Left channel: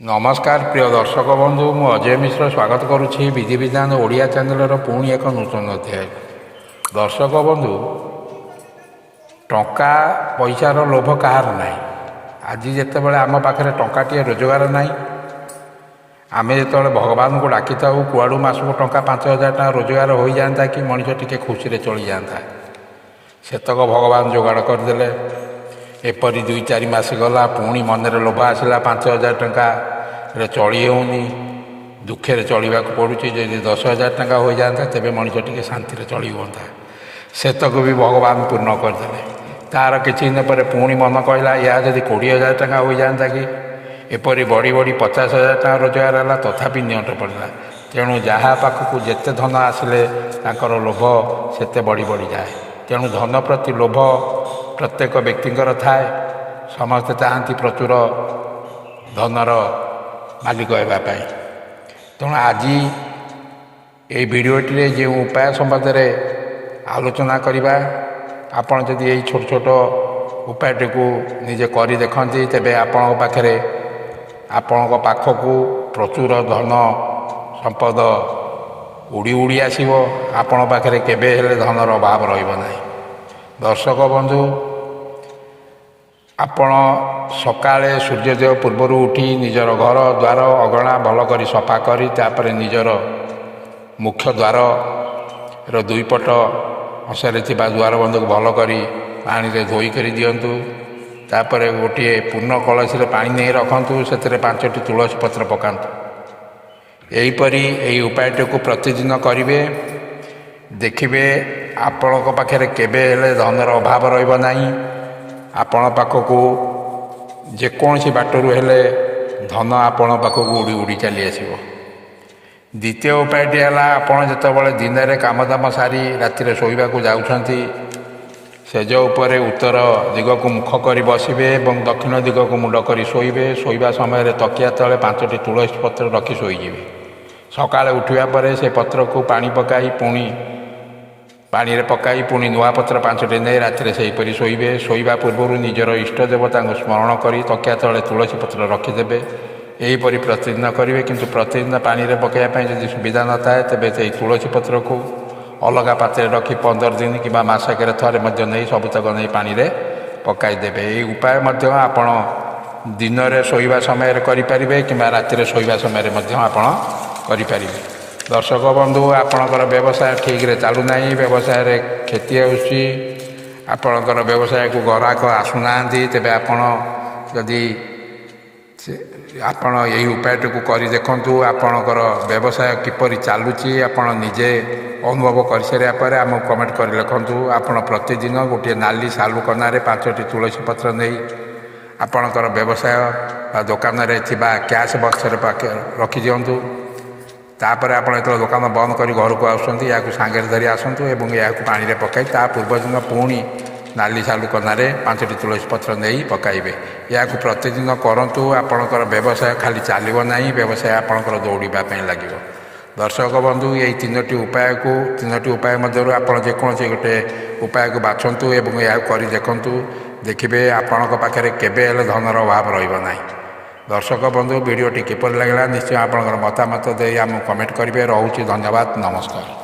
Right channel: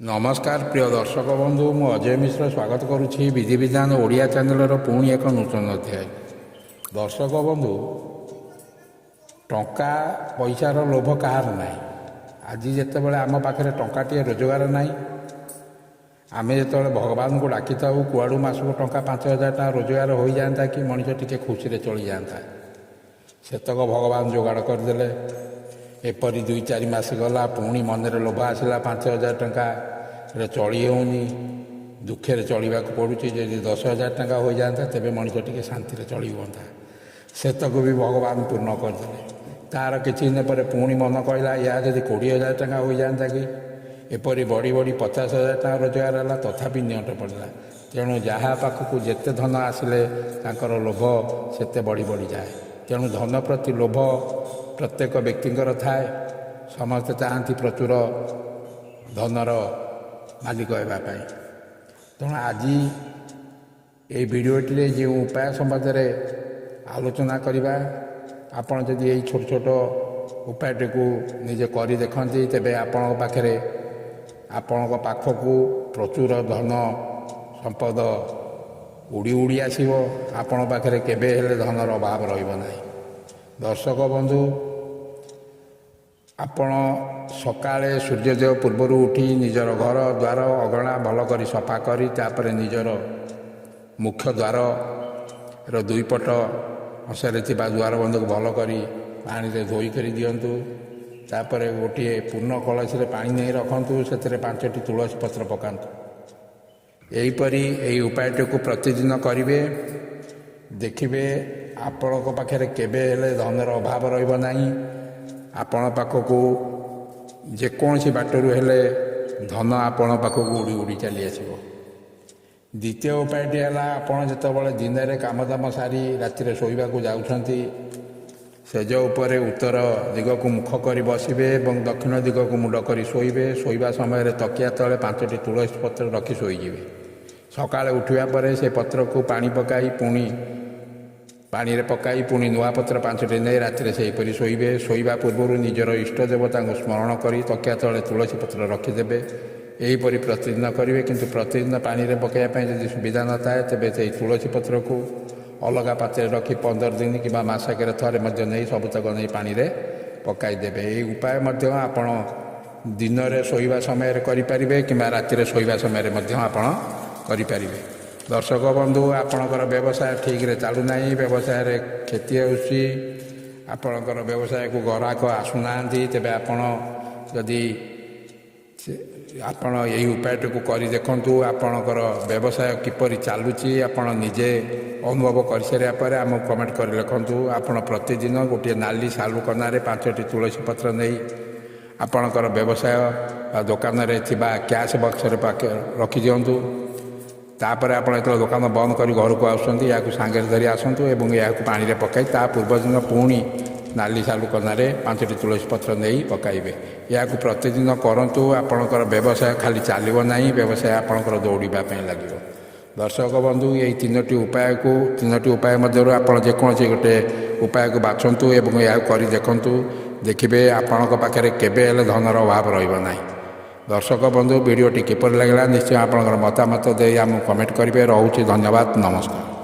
नमस्कार प्रिय दर्शक बंधु मु अजय मिश्र स्वागत करुच्ची विधि विधान ओडिया चैनल पुणी एक नूतन अध्याय। दर्शक बंधु टंका पैसार लोभ कहार ना आज जिते बड़े आम पाखे टंकाटे रोजगार ना आम जो भगवान को डाकी था कुआड़ू मसक टंका 5,000 टका रोजगार हो जाता कि मनीष टी खुशी चली जाता सेतक भगवान जोगाड़ करदे। एपरी 2-4 मास गला पुणी मनरे लोभ आसला 5,000 टका चली होनी दुखे चलवा पड़ुची। जदि 10,000 टका हो जाता तेरे मनीष टी शांति चली होता सेतक भी भगवान पूर्ण करदे। तार किसी दिन पर पुणी मन कहला या जदि 20,000 टका हो जाता कि एपरी बड़ी बड़ी 50,000 टका रोजगार है तथापि नियंट पड़ा। तेणु जहाँ पाखक जिते धन आसिले लोभ सेते बढ़ी बढ़ी जाए। तेणु धन प्रति लोभ प्रत्येक व्यक्तिंकर थाए। समस्ते चाहती प्रचुर धनर मालिक होगापाई। तेणु आज ये भिडटे जो उपाय संबंध में आलोचना करवा आपण जदि यही छोट छोट उपायटी को निजे कर देखती तेरे आपण पाखे आपण पाखक प्रचुर धन संपद उड़ी उड़ी आसो। आपण पाखे केबे हेले धनर अभाव रही। दर्शक बंधु आपण सकाळे सूर्योदय पूर्वर उठी निजर घर द्वार अगणा भल कर सफा करी तापर निजर मुख्य द्वार दुई पट अंशारे द्वार बंध को भल कर पानी रे धोई कर दिंतु। तापर गोटे पूर्ण कलश पानी नहीं रखु से 5टी तुलसी पत्र पकातु। यहीपरी यही उपायटी को प्रतिदिन करेंगे देखिए आपण पाखे केबे हेले धनर अभाव रही। आपण पाखक जेकोसी बाटरू हेले धन आपण पाखक उड़ी उड़ी चली आसो। द्वितीय उपायटी है आपण जिते दिन में काम दाम सारी राति शोवा जाऊँगी सेज उपर उत्तर दिग को मुख कर बसवे और दक्षिण दिग को मुंड कर शोबे। शोवा समय तकिया तले 5टी तुलसी पत्र रखी शोजे। सकाଳେ उठा पर से पत्र को पानी पकाई पुणी पानी रे पकाई पुणी नुआ पत्र 5टी नहीं राति से शोबे। शोवा पूर्व निजर इष्ट देवता स्मरण कर तकिया तले तुलसी पत्र रखिदेवे। यहीपरि प्रतिदिन करेंगे किंतु प्रतिदिन पानी रे पकाइवाई जब सुविधा न थाए तेरे से तुलसी पत्र को अलग पात्र रखी 15 दिन कि मसक थे नहीं सबुतक नहीं पानी रे पकाइदेवे। ये उपाय आपण दिन में शोवा समय करें कि राति शोवा समय करें। दर्शक बंधु आपणकर व्यवसाय ठीक रे चलूना व्यवसाय रे क्षति होची आपणकर व्यवसाय को ग्राहक आसुना तेरे आपण जदि आपण यही उपायटी को कर देखु आपणकर व्यवसाय किपरि चलुची आपण निजे अनुभव कर सारापर आम कमेंट कर लिखु। आपण प्रतिदिन गोटे नाली सालू कनारे 5टी तुलसी पत्र नहीं आपणकर व्यवसाय दुकान रे कैश बक्स रखी दिंतु। तापर आप दुकान बंद कर घर को आसुँच या सांगे धरी आसतु और या पानी में पकाई ता पूर्व दिन पुणी नाली सालू कनारे 5टी तुलसी पत्र नहीं पकाइबे। या प्रतिदिन करतु आपणकर व्यवसाय खाली चलो ना व्यवसाय आपणकर दौड़ापी लगे। दर्शक बंधु यही 3टी उपाय मध्य आप जेकोसी गोटे उपाय को बाछंतु और या कर देखु देखिए आपण पाखे केबे हेले धनर अभाव रही। दर्शक बंधु वीडियोटी किपर लगे निश्चय आपंकर मतामत दे आम कमेंट करेंगे। रोचे धन्यवाद नमस्कार।